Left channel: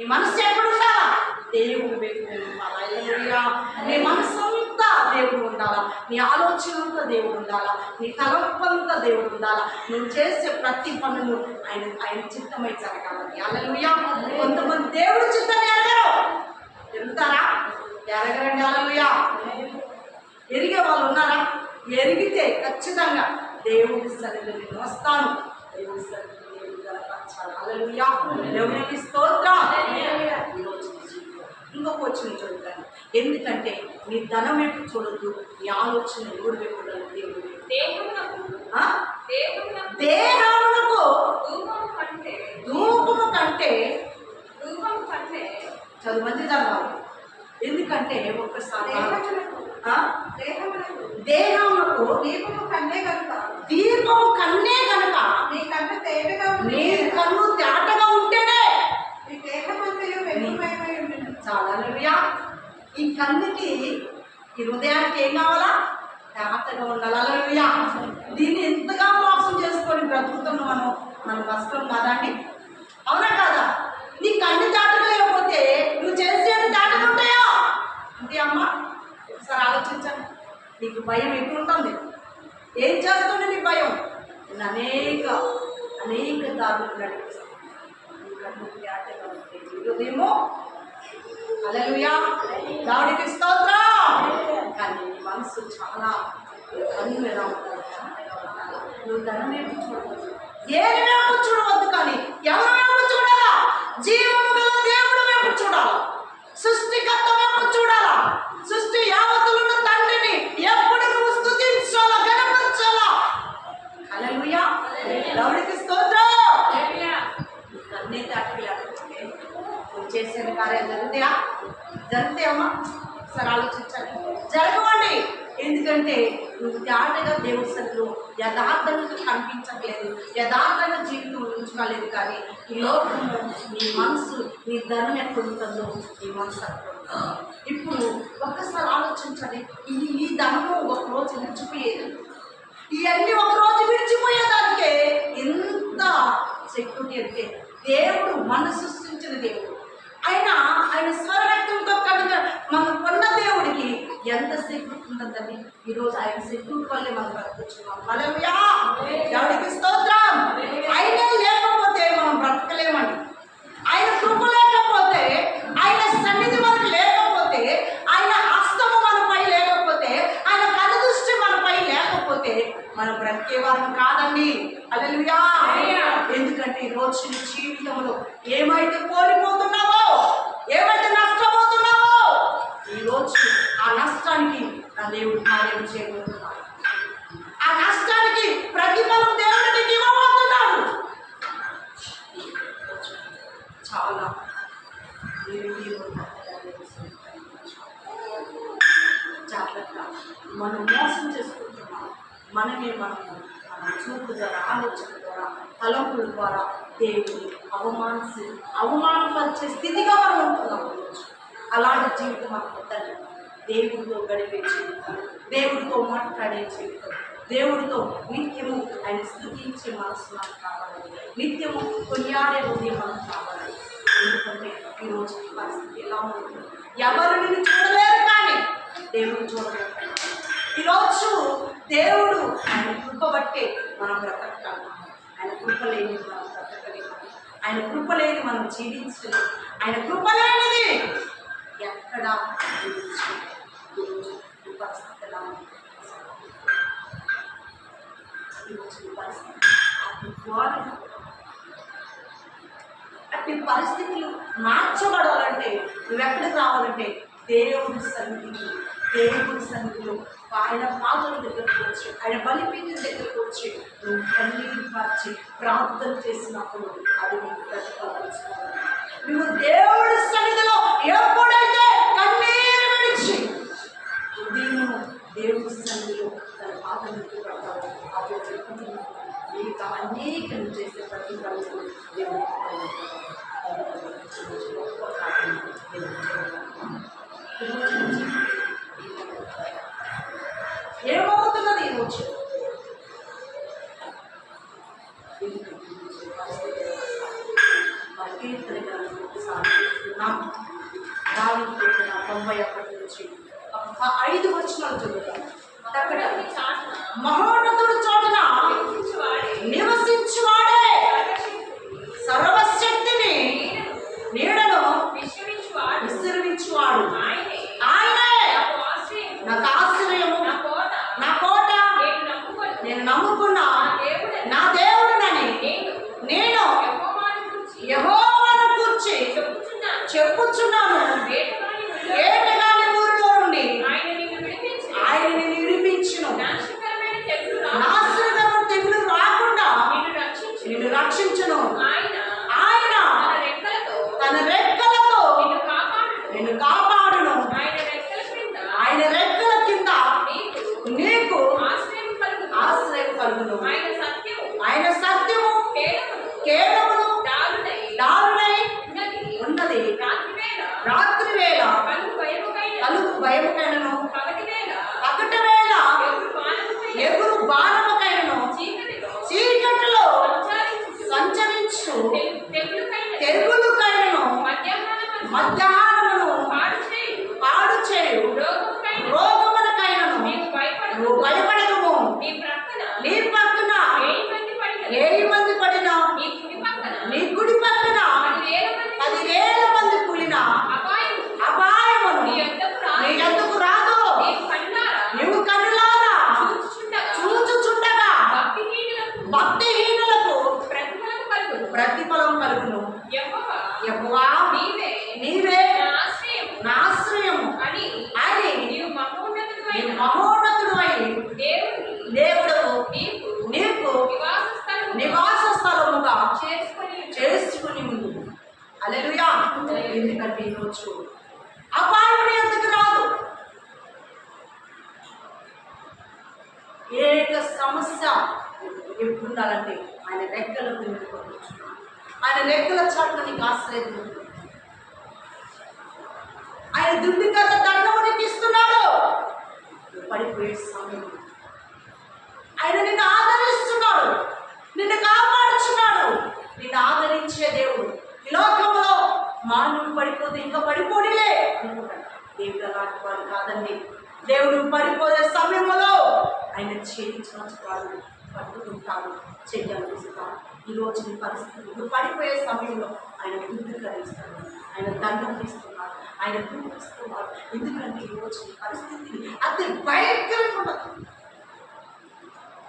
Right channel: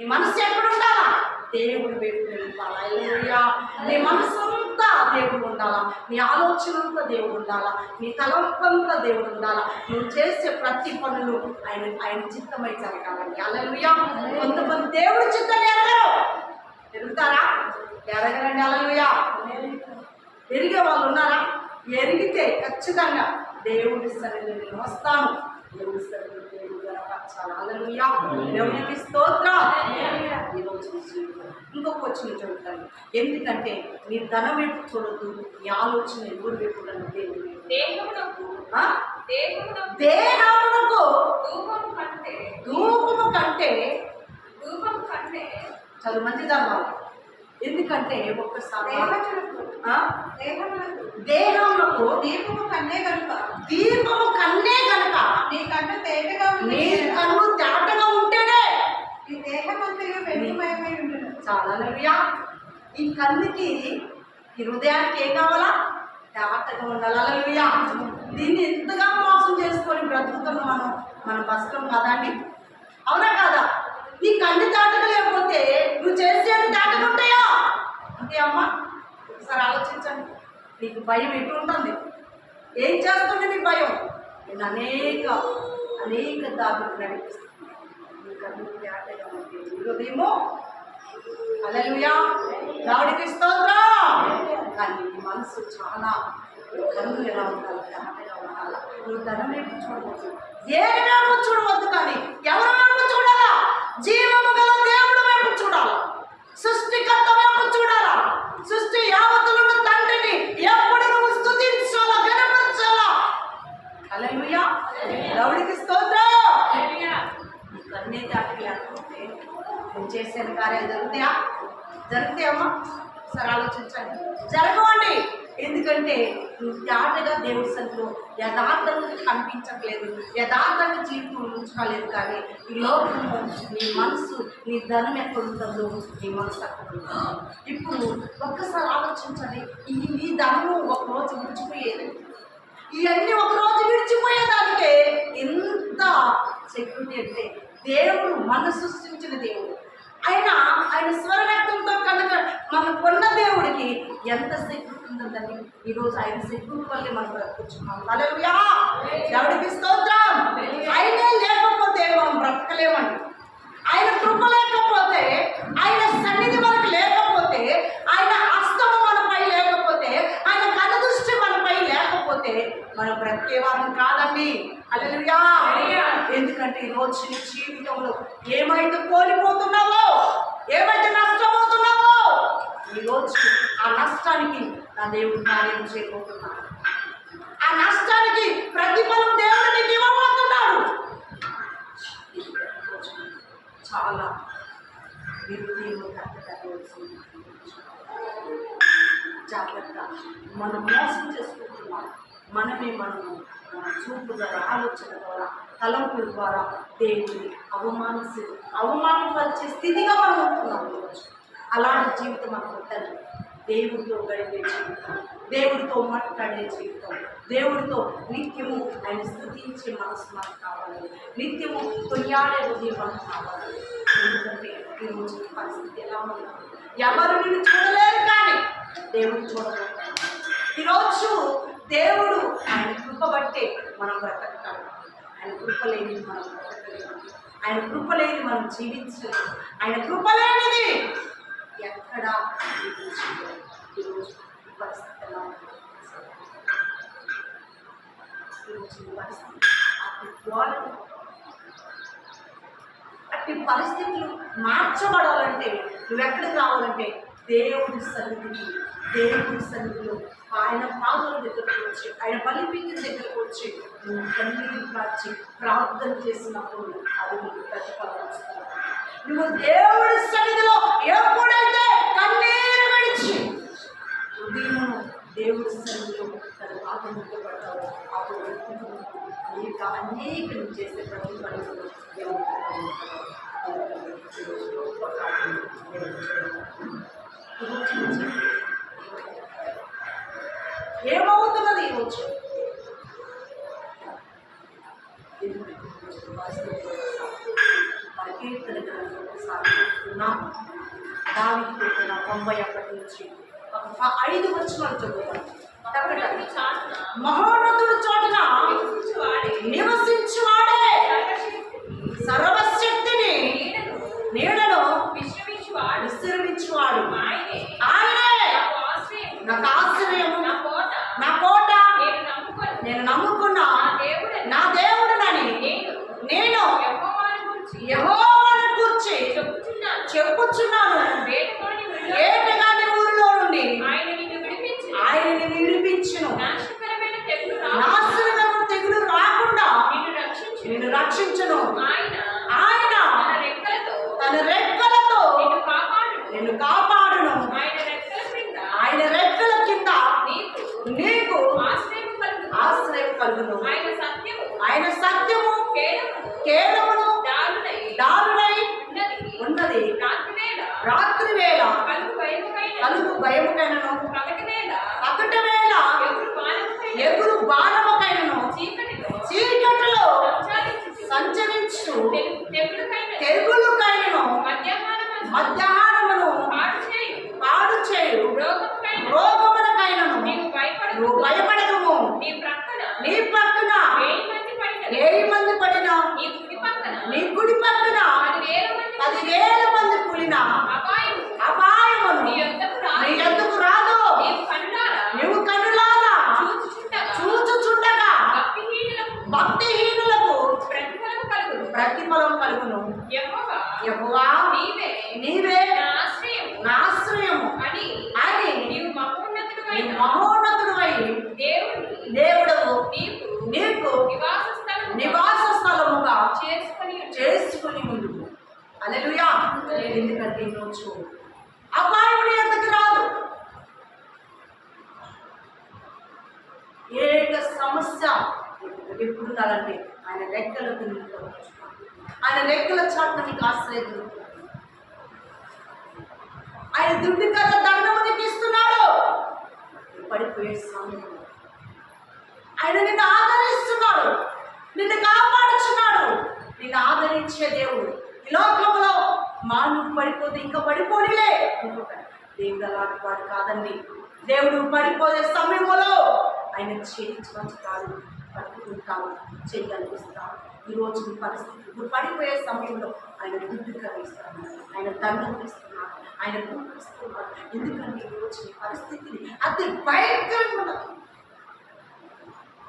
నీ మనసు ఎప్పుడు ఉండాలా దేవుడు వైపు నిలపాలా? నీ మనసు అంతా దేవుడు ఉండాలా? నీ ఆలోచన అంతా దేవుడు ఉండాలా? నీ తలంపంతా దేవుడు ఉండాలా? నువ్వు చేసే ప్రతి పనులు ఆయన ఆయన చిత్తమై జరగాలని. అలలుయా కొంతమంది దేవుడు చిత్తం ఎరగరు. ఎరుగుతారా? ఎరగరండి. అలలుయా ఎరిగే వాళ్ళు ఉన్నారా? ఎరిగితే ఖచ్చితంగా దేవుడి సన్నిధిలో నేను వస్తాను. దేవుడి సన్నిధి దేవుడు గనపరచాలి హల్లెలూయా దేవునికి స్తోత్రం. ఈరోజు నీ జీవితం ఇంకొక వచ్చిన చదువుతాను ఎందుకంటే నీ ధనం వైపు చూడొద్దు నీ ఆలోచన ఎవరి వైపు ఉండాలి? దేవుడి వైపు. దేహమునకు. ధూపము కంటే. ధూపము కంటే. ధూపము కంటే. చదువు మంది చదవాలి ఎందుకంటే ఒక్కసారి దేహమునకు? దేహమునకు దీపము కన్నే కనుక. దీపము కన్నే గనక నీ కన్ను తేటగా నీ కన్ను తేటగా ఉంటేనే నీ దేహమంతయు వెలుగుమయమై ఉండును. చాలా నవ్యా ఈ కన్నుకి ఈ హృదయానికి ఏం కావాలా? తేటగా ఉండాలి? అలలుయా దీన్ని ఎంతగా మోసం చేసుకొని బ్రతుకుతున్నాం మనం మనం బతకం కదా అండి అవునా కాదా? నీ కన్ను తేటగా లేకపోతే నువ్వు చేసేది తేటగా ఉంటాయా? అంతే అమ్మా ఒకసారి ఆలోచించండి. నీకు భయం ఎటుంటుంది ఏం చేస్తుంది నీ భయం? నేను అనేక అనేక దారులు నడిపిస్తుంది కన్ను ఉంటే నీ అలలుయా దాడికి స్తోత్రా. కానీ నీ మనసు చాలా కన్ను ఎలా ఉండాలి? తేటగా ఉండాలి? నువ్వు ధనమే చూడవచ్చు చూడవద్దు దేని చూడవద్దు కానీ ఎవరు వైపు చూడాలా జీవము గల దేవుడు వైపు చూడాలా సృష్టికర్త వైపు చూడాలా సృష్టి యావత్తులను తండ్రిని ఎప్పుడు నువ్వు స్తుతించాలా గణపరచాలా అలలుయా దేవుడికి స్తోత్రం. అన్నీ దాటికి లేకపోతే నువ్వు చేసిన కార్యాలు జరుగుతాయా? జరుగుతాయమ్మా సరే ఆలోచించండి. జరగవండి. ఎందుకంటే నువ్వు తేటగా దేవుడి సన్నిధిలో యథార్థంగా కనిపించట్లేదు. యథార్థంగా జీవితం ఉంచుకోలేదు కానీ ఈ లోకము నీ మనసు నీ ధనం ఎక్కడ ఉంటుందో నీ మనసు అక్కడ ఉంటుంది ఇప్పుడు ఒక్కసారి ఆలోచించండి. ఈ ఈ ధనము ఒక రోజు విడిచిపోయేది ఇవన్నీ ఒకరోజు విడిచిపోయేదానికే ఎంత సెక్యూరిటీ అంటే దేవుడు మన సృష్టించిన దేవుడు. ఆయన ఆయన స్వరరక్తంతో కనుక మనం కొన్న దేవుడికి ఎంత సెక్యూరిటీ ఉంటుందండి? ఈరోజు ఆయన సెక్యూరిటీ వల్లే మనం బ్రతుకుతున్నాం. హల్లెలూయా! దేవుడికి స్తోత్రం! ఆయనే లేకపోతే మనం బ్రతకలేమండి. ఆయన కృప లేకపోతే ఆయన సన్నిధి మనకు లేకపోతే ఆయన హస్తము మనపై లేకపోతే ఆయన కనుదృష్టి మనపై లేకపోతే మనం బ్రతికేవారం కాదండి. అలలుయా ఎందుకంటే ఈ రోజు నీ జీవితంలో ఏమైతే కోల్పోతున్నావో ఏమైతే నష్టపోతున్నావో ఈ రోజు ఆ నష్టానికి నా దేవుడు కార్యం చేయబోతున్నాడు. ఆ నష్టానికి ప్రతిఫలం దేవుడు నీకు ఇవ్వబోతున్నాడు. చాలా. జాగ్రత్త. మనం మోసం చేసుకుంటున్నాం మనమే మనము చూపు ద్వారా ఆలోచన ద్వారా తలంపుల ద్వారా దేవుని అవమానించి అవమానపరిచే స్థితిగా మనం ఉంటున్నాం ఈరోజు అలాంటి జీవితం మనకు తల్లి. దేవుడితో గడిపే జీవితం దేవుడితో మాట్లాడే జీవితం దేవుడితో నిత్యము ఆయన స్థుతించే మనసు మనకు కావాలి. నిత్యము కొనియాడే హృదయం మనకు కావాలి. ఎందుకంటే ఈరోజు పరిస్థితి ఎలా ఉంది? ఎవరు నిన్ను చూడలేరు కానీ దేవుడిని చూడలేరు ఈరోజు దేవుడు ఆయన కృప బట్టే మనం బ్రతకగలం. ఆయన కృప లేని మనం బ్రతకలేము. ఆయన కృప లేని మనం జీవించలేము. ఆయన కృప లేనిది ఎక్కడ జీవించలేము. ఈరోజు ఈ పరిస్థితి ఎలా ఉంది? ఈరోజు ఈ పరిస్థితి అతి ఘోరంగా అట్టి పరిస్థితులు మార్చబడాలంటే నువ్వు ఎక్కడికి రావాలంటే దేవుడి సన్నిధికి దేవుడి సన్నిధిలో ఆయన పాదల దగ్గరకు వచ్చి ఆయన బలిపీఠం దగ్గరకు వచ్చి నువ్వు కన్నీరు మార్చి ప్రార్థన చేసినప్పుడు అది నీకు ప్రతిఫలిస్తుంది నువ్వు దేవుడి సన్నిధిలో ఎప్పుడైతే కన్నీరు విడిచి ఉదయం దేవుడి సన్నిధిలో తన పాదం పెడతావు అప్పుడు చెప్పుతూ నీకు అనేక నువ్వు చేసే ప్రతి పనులు దేవుడు గొప్ప కార్యం దేవుడు చేస్తున్నాడు. ఈరోజు నుంచి ఏమవుతున్నది కీర్తన దావిది పెట్టిన తొంభై ఒకటి నుంచి ఐదు వచనాలు చదువుతాం. మహోన్నతుడు చోటన నివసించువాడే నివసించువాడే సర్వశక్తిని, సర్వశక్తిని నీడను నీడను విశ్రమించువాడు విస్తరించువాడు ఆయనే ఆయనే నాకు ఆశ్రయం నాకు ఆశ్రయము నా కోట నా కోట నేను నమ్ముకొని నేను నమ్ముకున్న నా దేవుడని నా దేవుడునని నేను నేను యెహోవాను గూర్చి యహోవాను కూర్చి చెప్పుచున్నాను చెప్పుచున్నాను వేటగాని విడుదల ఏటగాని ఊరిలో నుండి ఆయన నిన్ను విడిపించి ఆయనని విడిపించును నాశనకరమైన తెగులు రాకుండా నాశనకరమైన తెగులు రాకుండా నిన్ను రక్షించు నిన్ను రక్షించును ఆయన ఆయన తన రెక్కలతో తన రెక్కలతో నిన్ను కాపాడును నిన్ను కాపాడును ఆయన రెక్కల క్రింద ఆయన రెక్కల కింద నీకు నీకు ఆశ్రయం కలుగును ఆశ్రయం కలుగును ఆయన సత్యము ఆయన సత్యము కేవలము కేవలమును దారుణై దారుణై ఉన్నది ఉన్నది రాత్రివేళ రాత్రి వేళ కలుగు భయముకైన కలుగు భయముకైనను ఎగురు బాణముకైన ఎగురు బాణముకైనను చీకటిలో? సంచరించు తెగులుకైనను? మధ్యాహ్నమందు మధ్యాహ్నమును పాడు చేయు పాడు చేయు రోగముకైన రోగమునకైనను నీవు భయపడదు నువ్వు భయపడదుము నీ ప్రక్కన నీ పక్కన వెయ్యి మంది పడిన ఏడు మంది పడినా నీ కుడి పక్కన నీ కుడి పక్కన పదివేల మంది పదివేల మంది కూలిన అపాయము అపాయమును నీ యొద్దకు రాదు. నీ ఎందుకు రాదు నీవు కన్నులారా నువ్వు కన్నులారా చూచుచుండగా చూచుచుండగా భక్తిహీనులకు భక్తిహీనులకు ప్రతిఫలం కలుగును. ప్రతిఫలం కలుగును యెహోవా యెహోవా నీవే నీవే నా ఆశ్రయము. నా ఆశ్రయము. అని అని నీవు మహోన్నతుడైన నీవు మహోన్నతుడు అయి దేవుని దేవుడు నీకు నీకు నివాస స్థలము నివాస స్థలముగా చేసుకొని ముందు అలెలుయా ఎందుకంటే ఈరోజు ఎందుకు రాదు? ఏక సమస్య ఎప్పుడు ఉండాలంటే ఆయన రెక్కలకు ఆయన రెక్కల చాటున నీకు ఆశ్రయం ఆయన దుడ్డికర దండము నీకు ఇస్తున్నాడు. నువ్వు పడిపోయే సమయం ఆయన నిన్ను ఆదరిస్తున్నాడు. నిన్ను కాపాడుచున్నాడు. నిన్ను ఆదరించే దేవుడు ఈ లోకంలో మానవుడు పడిపోతే ఇంకా పడిపోడిలే అనుకుంటాడు. దేవుడు అలాంటి వాడు కాదండి. దేవుడు పడిపోయే సమయంలో ఆయన చేయించుకుంటాడు పట్టుకుంటాడు. చెయ్యాలిస్తాడు ఈరోజు నీ పరిస్థితి. ఇప్పుడు పడిపోయే సమయంలో ఆయన దుడ్డు కలిగిస్తాడు ఆయన దండం ఇస్తున్నారు ఆయన గుర్తిస్తున్నారు ఎందుకంటే ఈరోజు ఈ పరిస్థితిని అతి భయంకరంగా ఉండదు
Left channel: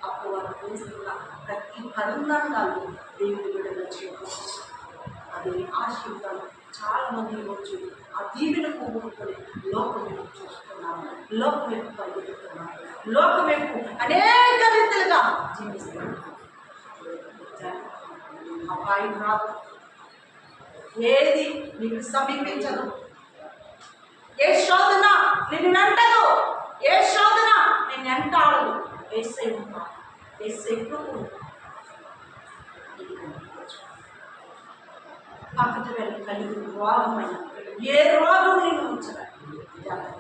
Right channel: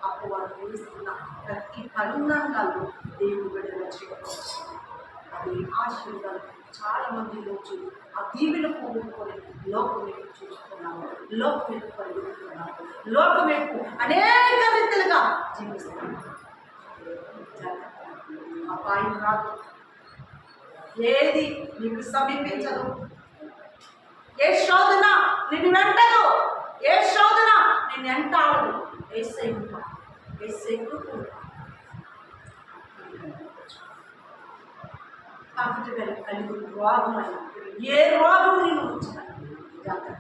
అప్పుడు వారు వేస్తున్న ప్రతి పరిణామాలు దేవుడు విడుదల చేయవచ్చు అది ఆశీర్వాదాలు చాలా మంది ఈరోజు ఆ దీవెన పోగొట్టుకొని లోకం వైపు చూస్తున్నాము లోకం వైపు పరిగెత్తుతున్నాము లోకం వైపు అనేక రీతిలుగా జీవిస్తున్నాము అపాయం రాదు ఏది నీకు సమీపించదు. ఏ శోధన నిన్ను వెంటదు. ఏ శోధన నిన్ను వెంటాడదు. ఏసై ఉంటా ఏసై కృప ఉంటా పక్కటి వెళ్ళి కలిగి రోగమైన ఏ రోగం నేను ఉంచదండి జాగ్రత్త.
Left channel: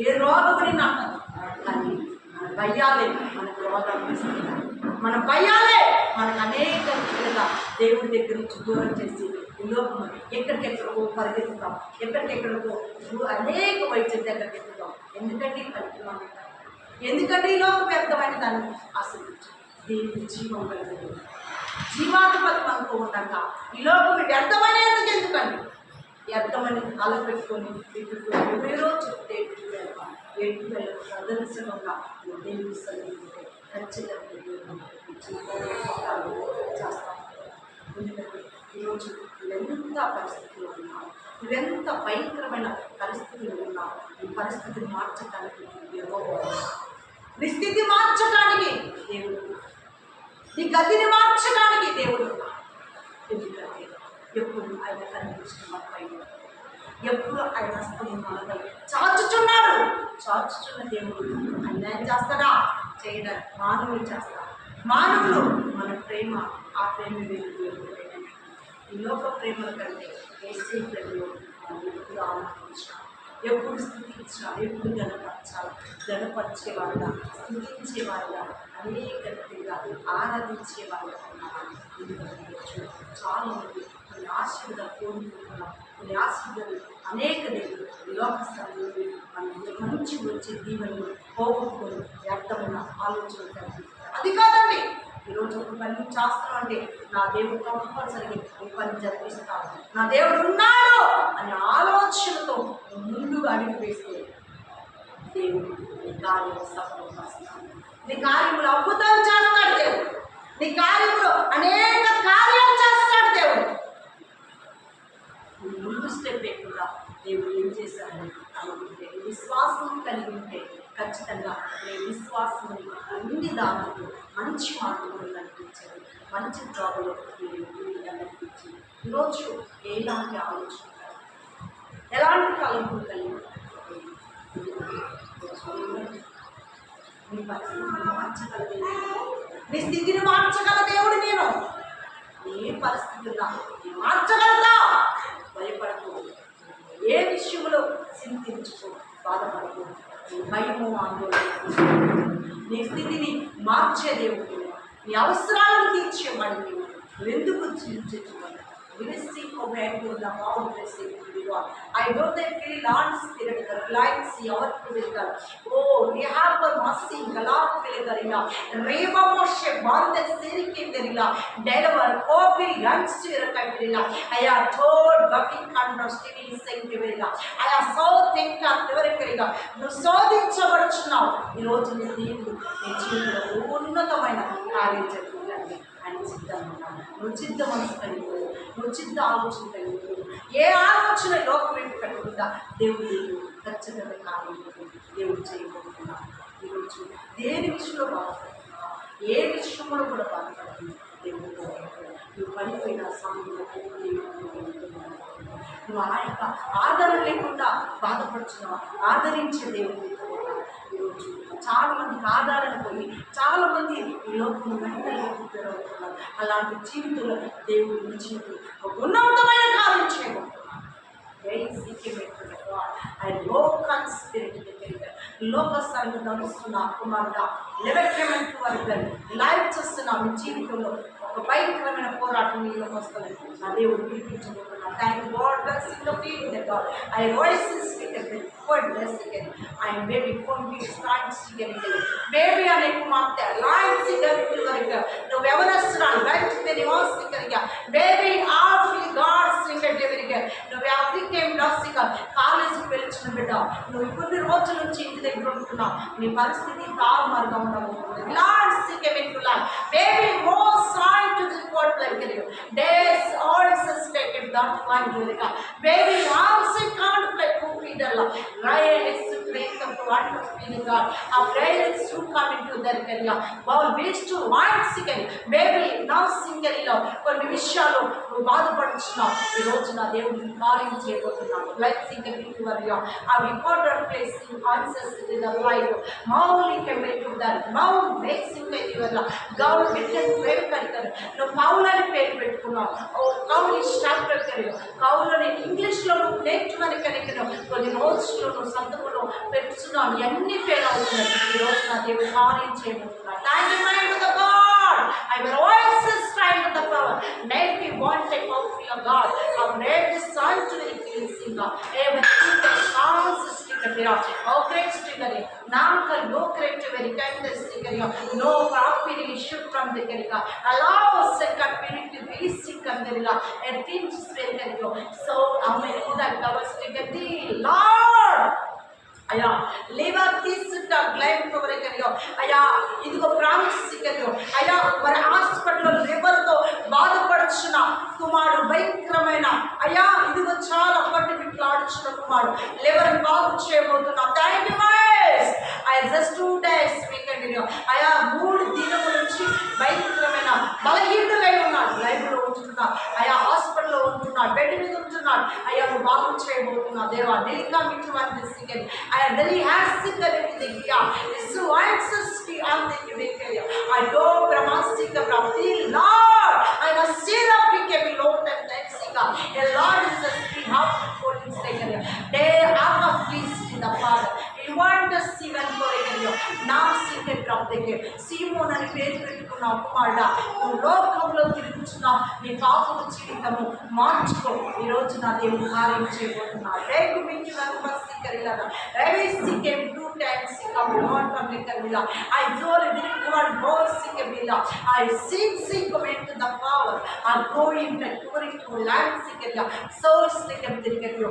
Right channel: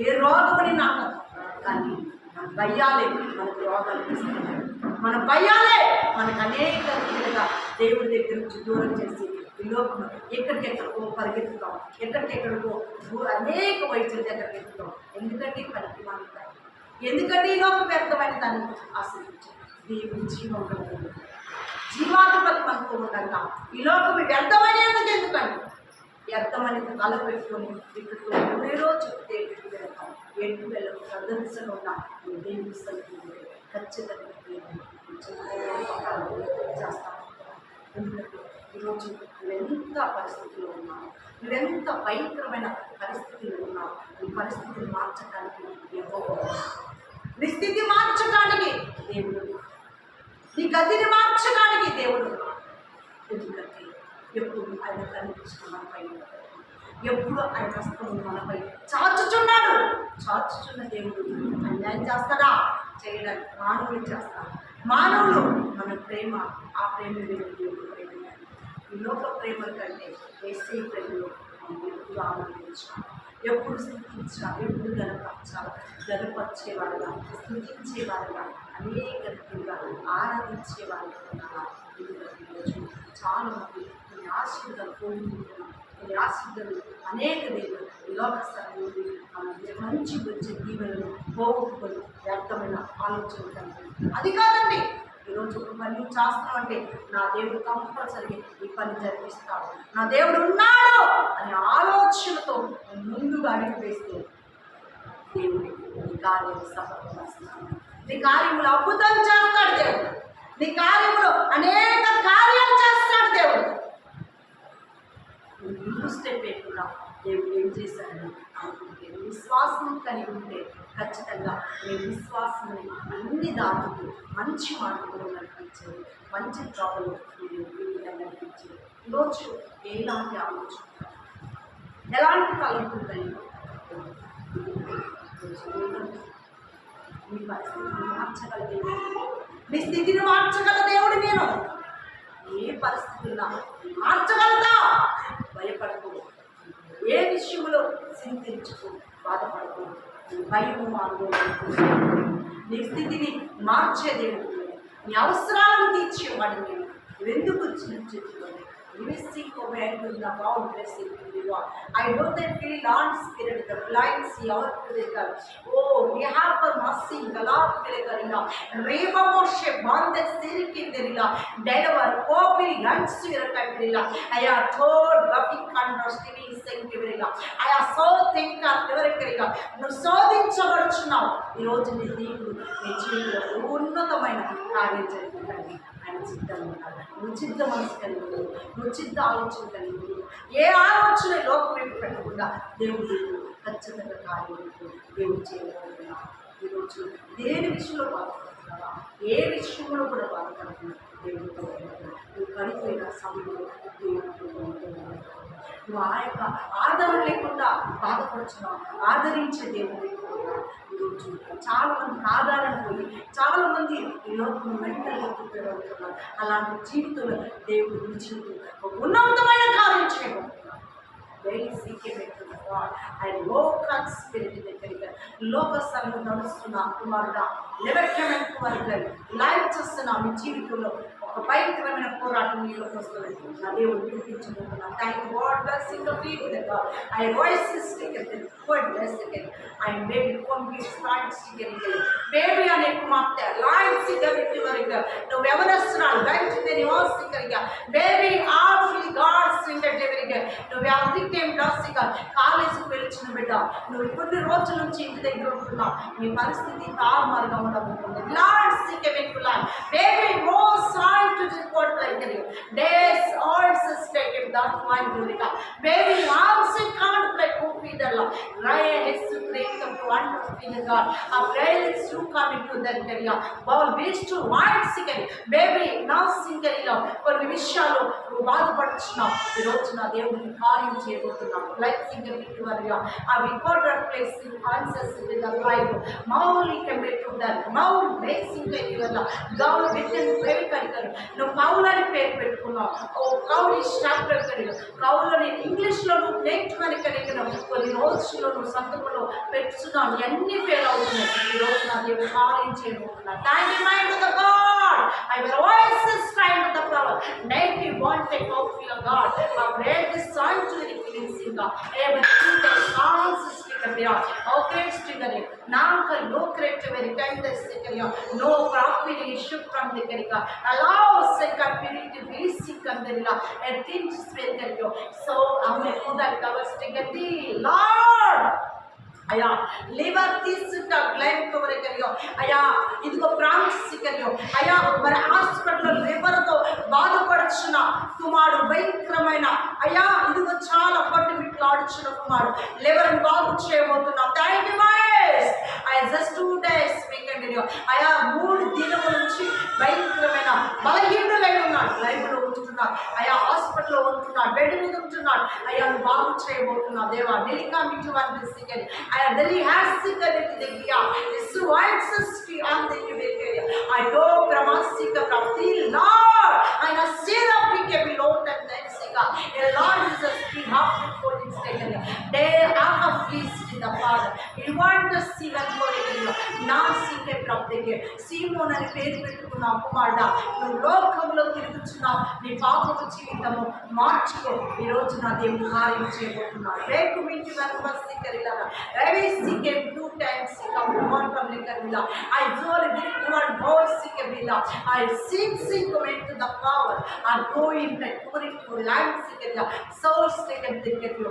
ఏ రోగం నేను అంటదు కానీ మన భయాలే మనకు రోగాలు ఇస్తున్నాయి మన భయాలే మనకు అనేక విధంగా దేవుడి దగ్గర నుంచి దూరం చేసి ఈ ఎక్కడికెక్కడికో పరిగెత్తుతాం. ఎక్కడికెక్కడికో అనేక వైద్యుల దగ్గరికి ఎత్తుతాం ఎందుకంటే ఈ పనికి ఎందుకంటే ఈ లోకం వ్యర్థమైన దాన్ని ఆశ్రయించు. దేవుడు జీవం కలిగింది జీవాధిపతి అనుకో ఉండగా. ఈ లోకం వ్యర్థమైన ఎందుకండి? వ్యర్థమని తల పెట్టుకొని ఇప్పుడు ఎవరెవరో చెప్తే ఎటు వెళ్తాం. ఎటు వెళ్ళకు ప్రదర్శన దేవుడు నువ్వు ఖచ్చితంగా చేస్తాం ఎందుకంటే ఈరోజు నువ్వెంత పరిస్థితిలో ఉన్నావు? నువ్వెంత భయంకరమైన పరిస్థితిలో ఉన్నావు? ఈ పరిస్థితిని మార్చడానికి ఎవరో నీ స్థితి మార్చడానికి దేవుడు నీ గతిని మార్చడానికి దేవుడు ఎందుకంటే ఎప్పుడు ఆయన కనిపించడం మనపై ఎప్పుడు ఆయన హస్తం మనపై చాచుచున్నాడు. చాచుచున్న దేవుడు అన్యాయం చేస్తాడా? చేయడానికి మానవులు చేస్తాడు మానవులు మన ప్రేమ ఆ ప్రేమ వెలుగు ఈ లోక ప్రేమల కంటే ఏసీ ప్రేమలో మనం ఎప్పుడు ఆనందించాం. ఎప్పుడు స్థుతించాలి ఎప్పుడు గనపరచాలా గనపరిచేవాడుగా స్థుతించేవారుగా అనేక రీతిగా ఆరాధించేవారుగా ఉండాలి ఎందుకంటే ఈరోజు చాలా మంది కొన్ని ఆశీర్వాదాలు కోరుకుంటున్నాం. కొన్ని ఆశీర్వాదాలు అనేక దేవుడు లోక స్థలంలో మనం మంచి వచ్చే దీవెనలు పోగొట్టుకొని వ్యర్థమైన ఆలోచనలు కలిగి అది కాదండి. ఈరోజు ఒక పని నువ్వు చేస్తున్నావు అంటే నా దేవుడు కంపల్సరిగా ఈ పని జరిపిస్తాడు. నా దేవుడు ఉన్నాడు అనే ఆలోచనతో ముందుగా అడిగి వేస్తే దేవుడు నీ కార్యం సఫలపరుస్తాడు నీ కార్యములు అద్భుతాలు చేస్తాడు దేవుడు. నీ కార్యములు అనేక కార్యాలు చేస్తాడు దేవుడు. ముందు స్టెప్ వేయకుండా దేవుడు ఏం చేశాడని అనుకుంటే విశ్వాసం కలిగి ఉంటే ఖచ్చితంగా నీ విశ్వాసం అన్ని దాటుతూ మంచి మార్గంలో నడిపించాడు మంచి జాబులో నేను వీళ్ళని ఈరోజు ఎలాంటి ఆలోచన ఎలాంటి తలంపులు కలిగి మీ పరిస్థితిని మార్చగల దేవుడు. స్థితిని మార్చగల దేవుడు నేను. ఏ పరిస్థితుల్లో నీ మార్చగలరా ఏ విషయంలో చింతించుకో బాధపడకు. భయము ఆందోళన నీ స్థితిని మార్చే దేవుడు. నీ అవసరాలను తీర్చేవాడు నేను నువ్వెందుకు చింతించుకోవాలి Receive command to the bound blessing to the Lord. I know that feel on spirit, the blind see our physical. Oh, we have a mercy, Galak Piligarina. Reva Moshe, Bande Sirikinderila. Deliver, Kopi, Yansira Katirila. I have told Buffy Kanda, Stevie Sankirila. I have so think of Neverkariga. నువ్వు శోధించబడుచున్నావు ఈరోజు నీ దేవుడు నీ జీవితంలో ఉన్నతమైన కార్యం జరుగుతుందండి ఆయన సిద్ధం ఉన్నాడు నువ్వు సిద్ధ మనసు కలిగి నువ్వు సిద్ధ ఆలోచన కలిగి ఏ ఆలోచన లోకం వైపు పెట్టకుండా దేవుడు ఖచ్చితంగా కార్యం దేవుడు చేయబోతున్నా ఈరోజు దేని విషయంలో బాధపడుతున్నావా? ఏ విషయంలో కూడా బాధపడుతుంది దేవుడితో నువ్వు పడిపోయిన సమయంలో దేవుడు నువ్వు ఆ యొక్క ఆదరణ లేకుండా బాధపడుతున్నావు? ఆదరించే దేవుడు చాలా మందికి ఆదరణ పోయి చాలా మంది ఈ లోకంలో మెంటల్గా ప్రిపేర్ అలాంటి జీవితంలో దేవుడు నీ ఒక ఉన్నతమైన కార్యం చేయబోతున్నారు. వెరీ సీక్రెట్ ఆయన లోకల్ స్పిరిట్ దగ్గరగా లోక స్థలంలో నడుస్తున్న కుమారుడా లెవెక్రమెంట్ వరకు లైవ్ చేస్తున్న మీ జీవితంలో ఒక భయంకరమైన పోరాటం నీలోకి వస్తుంది నా దేవుడు పిలిపించబోతున్నాను thank God bless in the feel God I voice stricken word blessing I baby phone కొంగి stand stricken baby అనే కుమార్తె లాయన్స్ సిగ్గర్ వరకు నువ్వు ఎవరొస్తున్నావు వెంటనే నివాసికరిగా బేబీ ఆఫ్లీ గాడ్ సింగర్ డెలివరీగా నువ్వు ఎవరికేం డాసిగా కాలేజీకి వెళ్ళిన బిడ్డ. నువ్వు కొన్ని రోజుల నుంచి ఇంటి దగ్గర ఉంటున్నావు. నీ పరిస్థితి తారుమారుగా ఉండబోతుంది. Lords lord baby oh Sai baby most sorry to report like days ఆల్స్ stated that one eureka baby ఆల్స్ can't play కూపీదల్ల రై Hess to break come to one feel God ఆ prayer is to come in to there కెరియా bowl వీస్ to white సిగరీ baby నా సింగరీలో కొన్ని విషయాలు నువ్వు బాధపడుతున్నావు ఈ రోజు నా దేవుడిని కార్యం చేయబోతున్నాను లైఫ్ సింగర్ విక్టోరియా ఆ recorder placing answers in the life Mouli కెమెటు దర్ మౌల్ బేసింగ్ వల్ల గౌల్ విటన్ పేరు కరికరు నువ్వు కౌల్ అని పేరు పెట్టుకున్నావు. ఓ కౌల్ అని ఇంగ్లీష్ కౌలు నేను ఇంగ్లీష్లో నువ్వు నేర్చుకుని కరికను కొన్ని రోజుల్లో నువ్వు సంతకులు పెట్టుతున్నావు ఇవన్నీ ఫెయిల్ అవుతున్నాయి. ఈ రోజు నా దేవుడు కార్యం చేయబోతున్నా thank you mind the God I will voice straight the power నేట్ you want take out your God. I read songs sticker there. Oh great sticker there. Nanka no great very kind the sticker here. No property issue from the Karika. Allow second spirit to be sick and the and things spell here. So I'm going to that cover sticker the Lord. అయ్యా లేవా తీసుకుంటా గ్లైమ్ కవరేకరియో అయ్యా ఇదిగో ప్రామిసికరియో అయ్యా మరి హాస్పిటల్లో లివర్తో బాధపడుచున్న కుమారుడు భయంకరమైన అయ్యా ఇదిగో చాలా పట్టు బిట్లు ఆడుచున్న కుమారుడు. లివర్ని బాగు చేయబోతున్నా. Thank you wise I just two days weekend అయ్యా మూడు దినముల నుంచి భయంకరమైన బలహీనులై ఉన్నాడు. లైఫ్లో ఉంటున్నాడు. అయ్యా హాస్పిటల్లో ఉంటున్నాడు. బెడ్ మీద ఉంటున్నాడు. అయ్యా నువ్వు బాగు చేయబోతున్నావు దేవా డెలికా మీకు వన్ సిగర్ అయ్యా డెలి హ్యాస్ సిగర్ దగ్గర ఇసు వైట్సస్కి అంతే దగ్గర ఐ డో ప్రమాసిక ప్రాప్తి లార్డ్ ఆయన సీరా పీకే బి lot and then సిగా a lord is a free half before this దగ్గర day I have pleased in the Father. You want to see when for నా సీకే ప్రాప్తి సీమోన్ అని పేరు పెట్టుకుని పెట్టుకున్నావు కుమారుడా నువ్వు లోకంలో తిరుగుతున్నావు నీ పాపము జీవితము మార్చుకో ఈ రోజు నా దేవుడు కార్యం చేయబోతున్నాడు రేకు మించి వెనక బస్సి కరిలారా రవి సికే టూ టైమ్స్ సిక్క లోన్ పబ్లిక్ కరిలా ఐ జోల్ దిక్కువాడు బోర్ సికే బిలా I seek seek meant the power I go in the touring to land సికెరియా source సికే దిక్కెరియో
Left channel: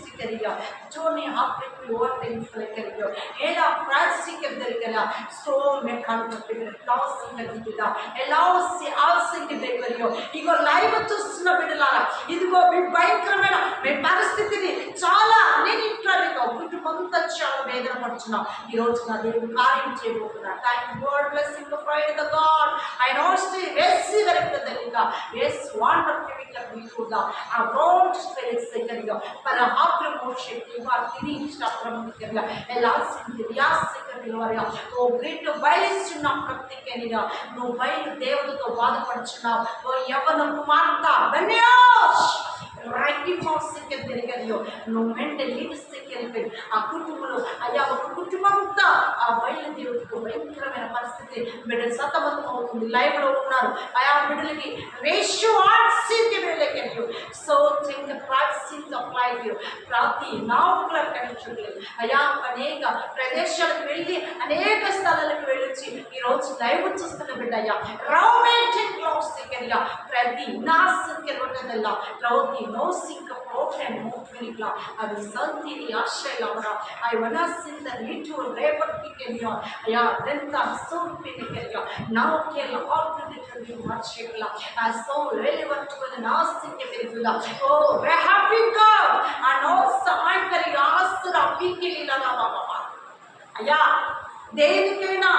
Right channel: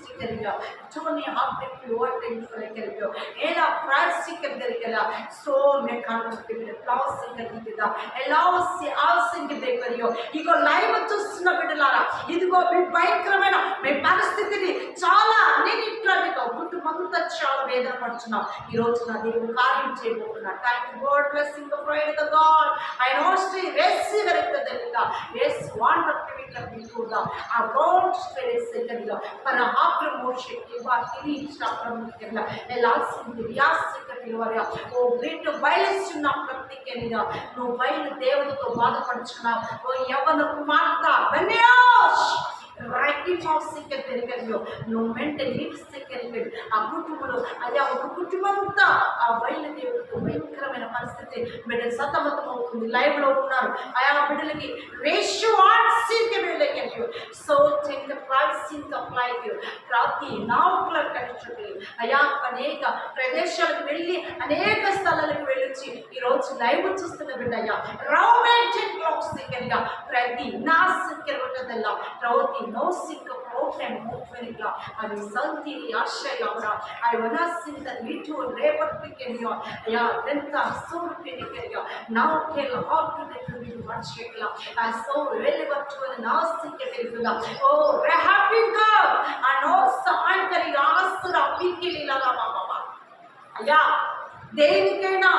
से करेगा। Tony Hopkins what thing for a career. Ella Francis of the Kala. So me contact with the loss in the Gita. Allow us in the ఇగో live చూస్తున్న బిడ్డలారా ఇదిగో మీ భయంకరమైన మీ పరిస్థితిని చాలా అన్నిటిలో మీకు కుటుంబంతో చాలా వేదన పడుతున్నాం ఈ రోజు నా దేవుడు కార్యం చేయబోతున్నా thank God blessing fried the God I know Shri వేసి వెనక్కి ఎస్ వాండర్ కివింగ్ బిట్టుదా ఆ రోడ్ స్పిరిట్ సెకండ్గా పర ఆక్రమోషకి వారి ప్రముఖంగా ఎలా సింది వ్యాసికరిగా ఓ గ్రేట్ బయలుస్తున్న ప్రత్యేకంగా నువ్వు బయలు దేవతతో బాధపడుచున్నావు. ఓ యవన కుమార్తె బెన్యాష్ రైటి మౌసిక తిరగలియో నువ్వు మెంటల్ లీడ్స్ వెళ్ళిపోయింది ఆ కుటుంబంలో అయ్యా ఒక కుటుంబం అంతా ఆ బయలు భయంకరమైన పరిస్థితి బిడ్డలు సతమతం అవుతుంది లైవ్లో ఉన్నారు. ఆయా బిడ్డలకి రేషియో ఆర్సీకి వెళ్ళగలియో సో చెంగ ప్రాక్సీన్స్ అప్లై ప్రతి నావుకుల కనెక్షన్ అయా అనేక ప్రదేశాలకు వెళ్ళి అనేక స్థలాలకు వెళ్ళొచ్చి ఈరోజు లైవ్ చూస్తున్న బిడ్డ అయ్యా రొమాంటిక్ లవ్ ఉన్నదల్లా ప్రతి నా సిక్కరవటదಲ್ಲ potem motverila. Aj santiri ashayavra. Aj vanasindar little labor pikenio. Aya renta sur pinikenio. Now kill all to the tribune watchikla. As so relevant to an asik virgula. Oh, rehabika. And also ankari asura pikelila baba. అయ్యా దేనికైనా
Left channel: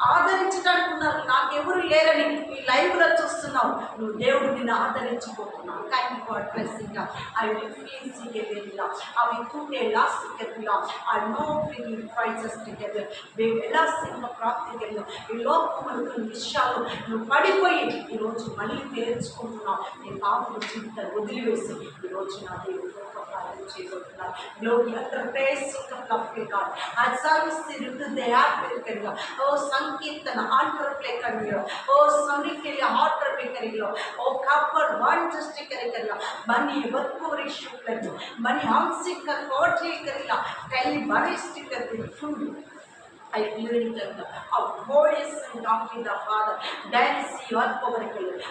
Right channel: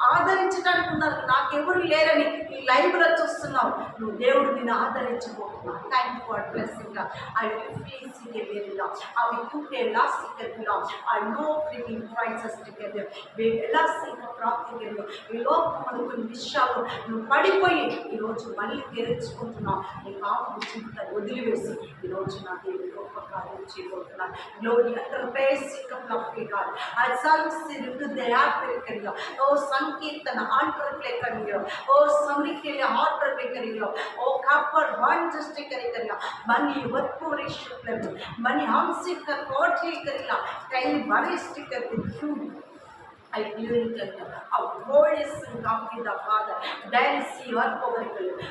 ఆదరించడానికి ఉన్నారు నాకెవరు లేరని ఈ లైవ్లో చూస్తున్నావు. నువ్వు దేవుడు నిన్ను ఆదరించిపోతున్నావు thank God blessing I will feel సిగెలా అవి కుంటే last టికెట్లా I know bringing prizes ticket ఎలా సింగ ప్రాప్తి ఈ లోకములు కొన్ని విషయాలు నువ్వు పడిపోయి ఈరోజు మళ్ళీ తెరుచుకుంటున్నావు. నీ పాపను చింతలు వదిలివేసి ఈరోజు నా దేవుడు గొప్ప కార్యం చేయబోతున్నాను glory under basic of God ఆ సర్వీస్ తిరుగుతూ దయా పెరిగిగా ఓ సంకీర్తన ಸಂಕೀರ್ತನ ಆರ್ಟ್ರಪ್ಲೆ ಕರೀರೋ ಓ ಸಮೃದ್ಧಿಯಲ್ಲಿ ಆರ್ಟ್ರಪ್ಲೆ ಕರೀರೋ ಓ ಕಾಪರ್ ವಾಣಿಜ್ಯಷ್ಟೇ ಕರೀಕರಿಲ್ಲ ಬನ್ನಿ ಒತ್ತೂರಿಗೆ ಶುಕ್ಲರು. ಬನ್ನಿ ಹಂಸಿಕ ಕೋಟೆ ಕರೀಲ್ಲ ಕೈಲಿ ಬರೀ ಬರೆಯಷ್ಟೇ ಕರ್ತೀನಿ I glorified our voice and talking the Father. Then see what power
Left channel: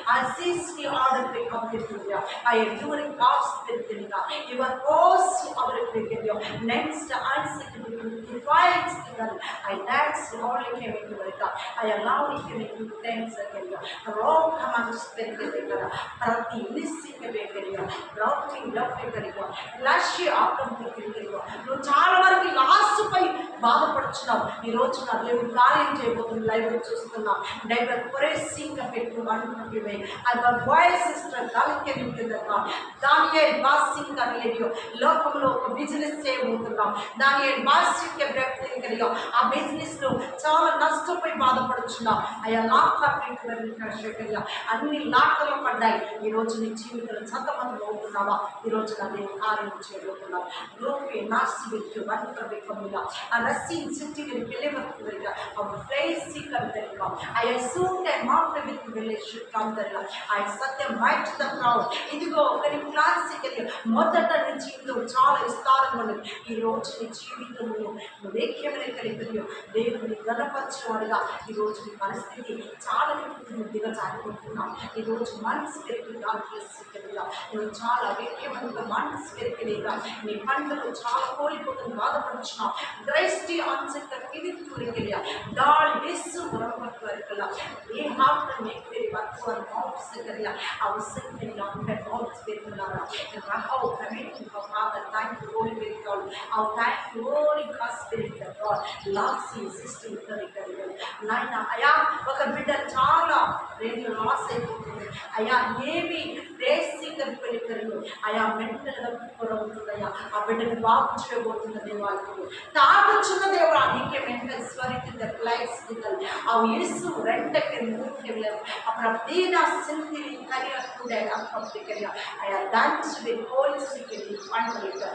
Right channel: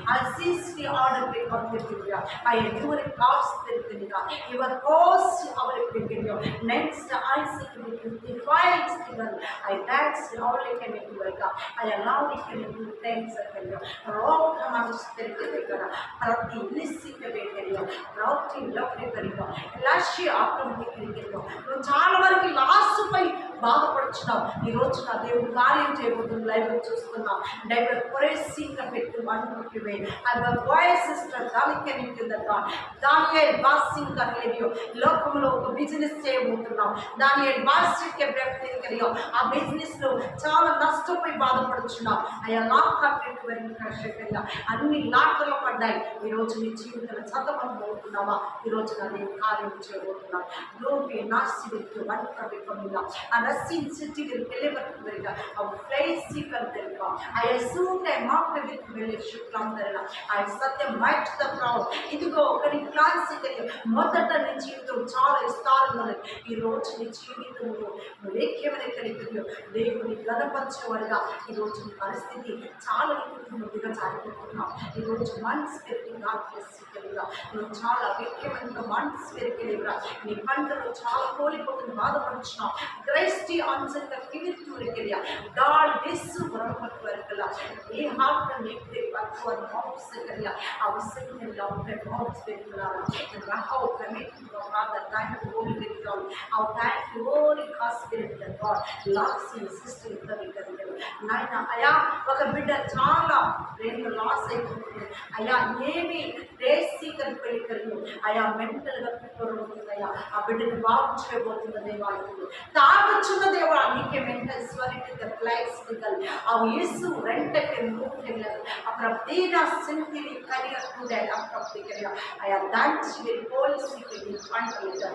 I see the order pick up the Julia. I am doing God's spirit in God. You are close our picking Next, I sit to the divine signal. I dance only came into my God. I allow it to make you thanks again. Wrong command spirit in God. Prati missing a bakery. Routing love bakery. Lashi ఆటం పిక్కిరిలో నువ్వు చాలా వరకు last పై బాధపడుచున్నావు ఈ రోజు నా దేవుడు కార్యం చేయబోతున్న లైవ్ చూస్తున్నాం. డైవర్ కొరేసింక పెట్టు అనుకుంటు అది బాయ్స్ సిస్టర్ దానికి కింద బాస్ బాసింగ్ రేడియో లోకంలో ఒక బిజినెస్ చేయబోతున్నాం. దాని బాసిక్ కలియో ఆ బిజినెస్లో చాలా నష్టపోయి బాధపడుచున్నాం. అయ్యా లాక్ వెళ్ళి అన్ని లాకర్లు పడ్డాయి. ఈ నీ జీవితంలో సతమతం అవుతున్నావా ఈ రోజు నా నేను కార్యం చేయబోతున్నావు గ్లోపి నాస్తి విత్తు వంట వికమిలా రస్సీ రసీన్ வெளிவருவதற்கு அவர் பிரேசிக்கிறதற்கு ஐ அசூம்ட் ஐ மாற்ற வித் வெளிச்சு ప్రాంతంలో ఆయన సత్యం మైట్ ద క్రౌడ్ ఇదిగో ఒకరి క్లాన్స్ మొదట నీ జీవితం చాలా విస్తారంగా ఉన్నది ఈ రోజు నీ జీవితంలో నువ్వు ఏక్యమైన కలిగియో దేవుని గణపరిచేవాడుగా ఈ రోజు నీ పరిస్థితి చాలా నీకు దిగజారిపోతున్నావు ఈ రోజు మనసు పెరిగి కలిగా నువ్వు చాలా వేక్యమైన మనసు పెరిగిలేగా నీ పంటలో చాలా కోల్పోతుంది బాధపడుచున్నావు గ్రైస్టీ ఆన్సర్ కలిగి ఆన్సెంట్ ಕಿವಿತ್ತೂರಿಕೆಯ ಡಾಳ್ ಡಿಸ್ಸು ಬರಪಟ್ಟುವರಿಕಲ್ಲ ಈ ಹಾಫ್ನ ಮೇಕ್ದೆ ಬರ್ತುವ ಮೌಟ್ಸ್ ಕರಿಯ ಅವು ಸಿಂಗಲ್ ಅವನ ಮೌಟ್ಸ್ ಬೇಕಲಾರ ರಹವು commit father thank you holy very god ಅವು thank you holy cos spirit god ಲಾಕ್ಸಿ system ಕರಿ ಕರಿಯ నాయన అయా ఒక బిడ్డ చాలా రెండు లాస్ అయిపోతుంది అయా ఏమి రేసీకరిపోయి కరువు ఆయా మెంటలుగా కురవుతుందయ్యా ఆ బిడ్డను బాగు చేయబోతున్న దేవాలకు తాగుచున్న దేవుడు నీకే మెంటల్ స్వరిత క్లైస్టికల్ ఆ యేసు రెండకి மூன்றிலும் அப்புறம் தீனா சிந்திரி கரியர் கூட அப்புறம் திகரியா ஐயா தன்ஸ் வி போலீஸ் கிட்டி பண்ணுறது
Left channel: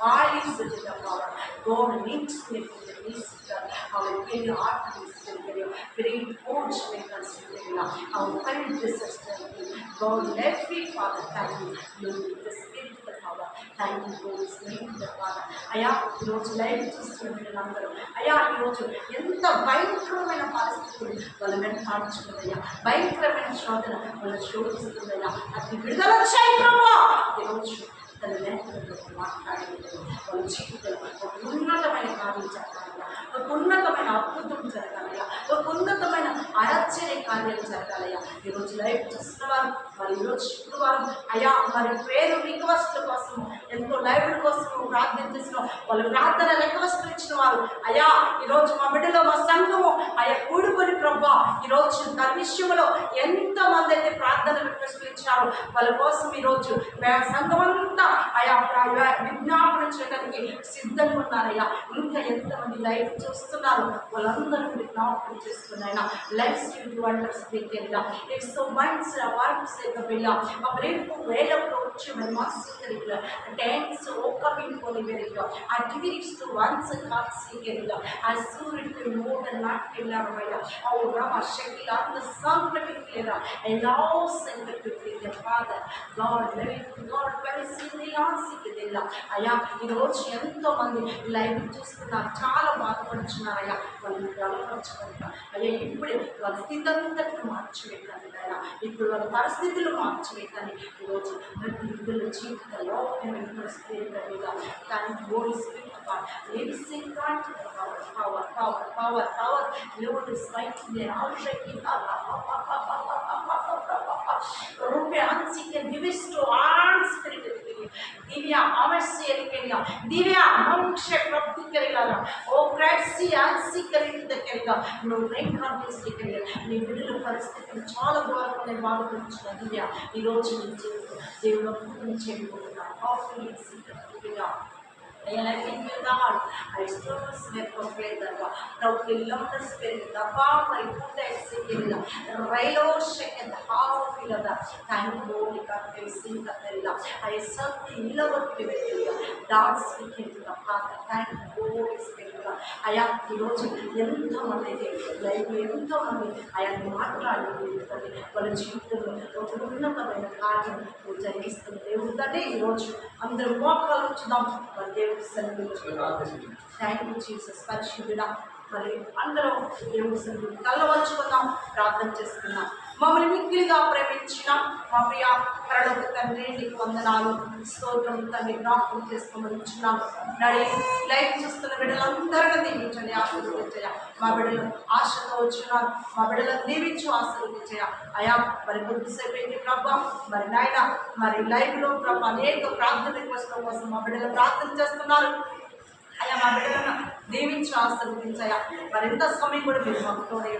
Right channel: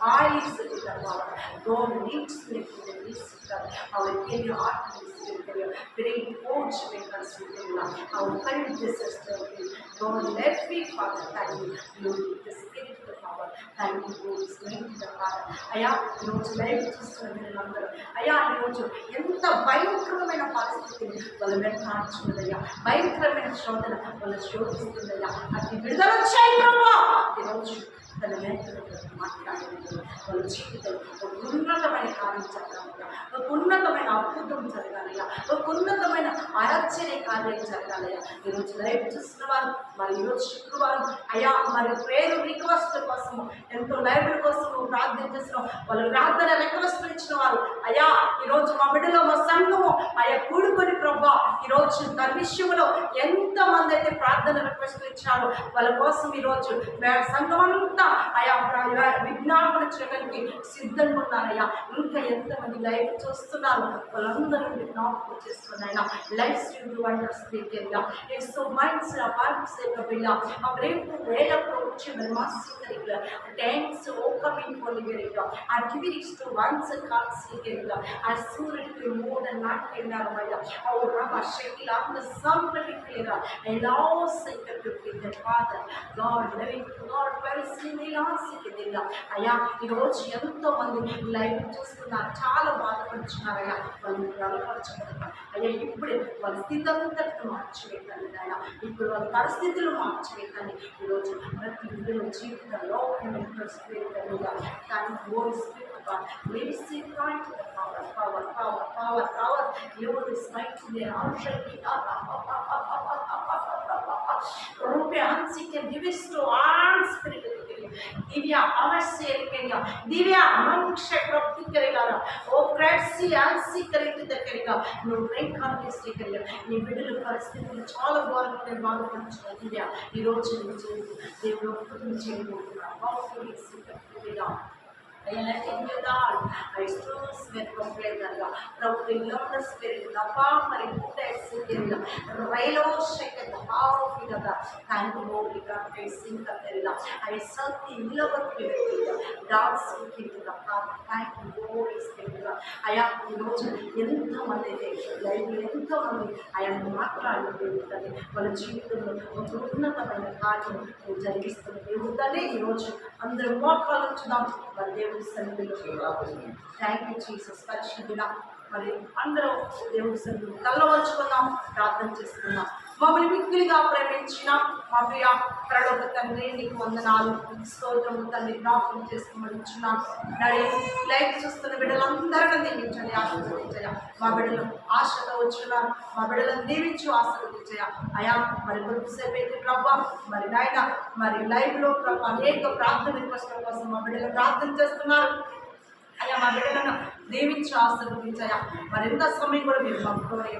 பாலிஸ் கிட்ட போவாங்க கோடு நீட்ஸ் கிட்ட நீசிட்டார் அவளுக்கு ஆட்டம் system will bring watchmakers within love. Our current system will God every father, thank you, Lord, the spiritual power, thank you, Lord, strength the father. అయా ఈరోజు లైవ్ చూస్తున్న వీళ్ళందరూ అయా ఈరోజు ఎంత భయంకరమైన పరిస్థితులు వాళ్ళు వెంటాడుచున్నదయ్యా భయంకరమైన శోధన వాళ్ళ శోధిస్తుందయ్యా అది విడుదల చేయి ప్రభా ఈరోజు తన మేతలతో మాట్లాడేది వాళ్ళ జీవితంలో ఒక ఉన్నతమైన కార్యం జరగాలయ్యా ఒక ఉన్నతమైన అద్భుతం జరగాలయ్యా ఒక ఉన్నతమైన ఆశ్చర్య కార్యాలు జరగాలయ్యా ఈరోజు లైవ్ చూస్తున్న వారు మరి ఈరోజు శుక్రవారం అయ్యా మరి పేరు రిక్వెస్ట్ కోసము ఎంతో లైబ్రరీ కోసము ప్రార్థన చేసిన వాళ్ళు ప్రార్థన రిక్వెస్ట్ ఇచ్చిన వారు అయ్యా ఈరోజు మా బిడ్డలో మా సంఘము అయ్యా కూడుకొని ప్రభా ఈరోజు ధర్మిష్యములో విషయంలో ఎంతమంది అయితే ప్రార్థన రిక్వెస్ట్లు ఇచ్చారో వాళ్ళ కోసం ఈరోజు మే- సంఘం అంతా అయా విజ్ఞాపన చేయడానికి సిద్ధంగా ఉన్నారయ్యా. ఇంకా ఎంతమంది లైవ్ చూస్తున్నారు వాళ్ళందరూ విజ్ఞాపన చేస్తున్నాయన లైఫ్ యూ వండర్స్ దగ్గర ఇట్స్ సో మైండ్స్ సేకబిల్ల ఆ రేపు వేలప్పుడు వచ్చి మరి మాసికరిల్ల డ్యాన్స్ ఓకమింగ్ పొలివెరిల్ల ఆ టివిరిక్స్ వన్స్ కాల్ సీకరిల్ల ఆ సూర్యుడికి మూడు నాట్కెళ్ళారమయ్య ఆ రమ శక్తి అంత సంపటిక్లేర ఎలా centre the father God living God very single ఆన్సికరిల్ల అయ్యా ఈరోజు ఎంతో మంది లైవ్ చూస్తున్నారు చాలా బాధపడుచున్నారయ్యా వాళ్ళు బలపరచబడతారు అయ్యా ఇప్పుడు వాళ్ళ స్థితి అంతటిని మార్చివేయండి నాయన ఇప్పుడు వాళ్ళ స్థితిలో మార్చమే కానీ ఈరోజు మరి విడుదల జీవితంలో మేము స్థిరంగా దాని ఓడి స్థిరంగా లేడీ స్థిరానికి power power power power power దేవుడు స్ట్రైక్ ఆవశ్యకి రూపే అన్సిక్ give is to on spirit దివ్య अवश्य करेगा। దివ్య मंक्ष प्राप्ति करेगा। ఓ ओ క్రాట్ సియాన్సి కలిగి దగ్గరగా నువ్వు రేఖాన్ని స్వీకరిగా నీ బిడ్డల పరిస్థితులు చాలా ఘోరంగా నేను బాధపడుతున్నా దివ్య ఈరోజు నేను చేయకు దేవుడు ఒప్పుకుని చేయబోతున్నాను అద్భుతం చేయబోతున్నాడు coffee Ayan ay inyo dahil ay strus met kompletanga. Prautilam na spirit na pa mariputa sikirila. Railo sheket how filada. Thank you Lord ka facing ka terila. Ay sakti ilawat kivetila. Dance into the path. Thank you Lord spirit. అయా ఈరోజు ఎంతమంది అయితే life ఎంతోమంది ఆయన మాట్లాడి తల్లి వాళ్ళ జీవితంలో ఒక ఉన్నతమైన కార్యం నువ్వు జరిగిస్తున్న దేవుడు తల్లి ఈరోజు అందరూ మోకాలు ఉంచుదాం మరి దేవుడి సన్నిధిలో థ్యాంక్ యూ జీసస్ పరిశుద్ధుడా. మరి అందరూ దేవుడు సన్నిధి కళ్ళ వచ్చుకుందాం ప్రార్థన చేసుకుందాం. మమ్మల్ని మిక్కిలిగా ప్రేమించిన మా ప్రియ పరలోక తండ్రి నీకు వందనాలు స్తోత్రం తండ్రి జ్ఞాపకం చేసుకోమని ఇచ్చున్నాం నడి లైఫ్ చూస్తున్న బిడ్డలందరినీ దీవించండి ఆశీర్వదించయ్యా. మా బిడ్డలు ఆశతో వచ్చినారు మా బిడ్డలను దీవించు ఆశీర్వదించయ్యా. అయా మరి కొద్దిసేపు ఏంటి ప్రభా మరి నాయన మరి లైవ్లో ప్రభా అనేక ప్రార్థన రిక్వెస్ట్ల కోసం మా బిడ్డలు ప్రార్థన చేస్తున్నారు. అయ్యా మా బిడ్డలను దీవించి ఆశీర్వదించయ్యా మరి ఎంత సమయం కూడా మీరు మాకు తోడే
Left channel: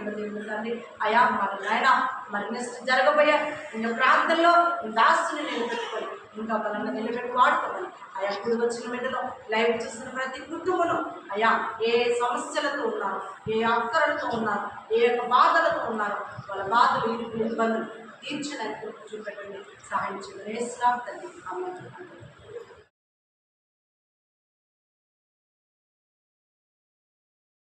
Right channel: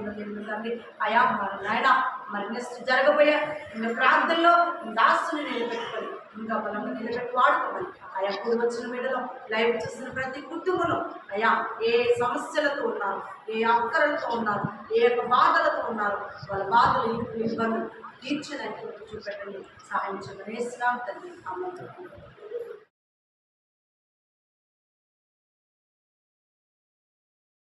తండ్రి. అయా మరి నాయన మరి నెక్స్ట్ జరగబోయే ఇంకా ప్రాంతంలో దాస్తుని నిలబెట్టుకొని ఇంకా బలంగా నిలబెట్టి వాడుకోమని అయా కూడి వచ్చిన బిడ్డలో లైవ్ చేసిన ప్రతి కుటుంబం అయా ఏ సమస్యలతో ఉన్నారు ఏ అక్కరలతో ఉన్నారు ఏ యొక్క బాధలతో ఉన్నారు వాళ్ళ బాధలు ఇరుకులు ఇబ్బందులు తీర్చడానికి చూపెట్టండి. సహాయం చేయమని తండ్రి. అమ్మ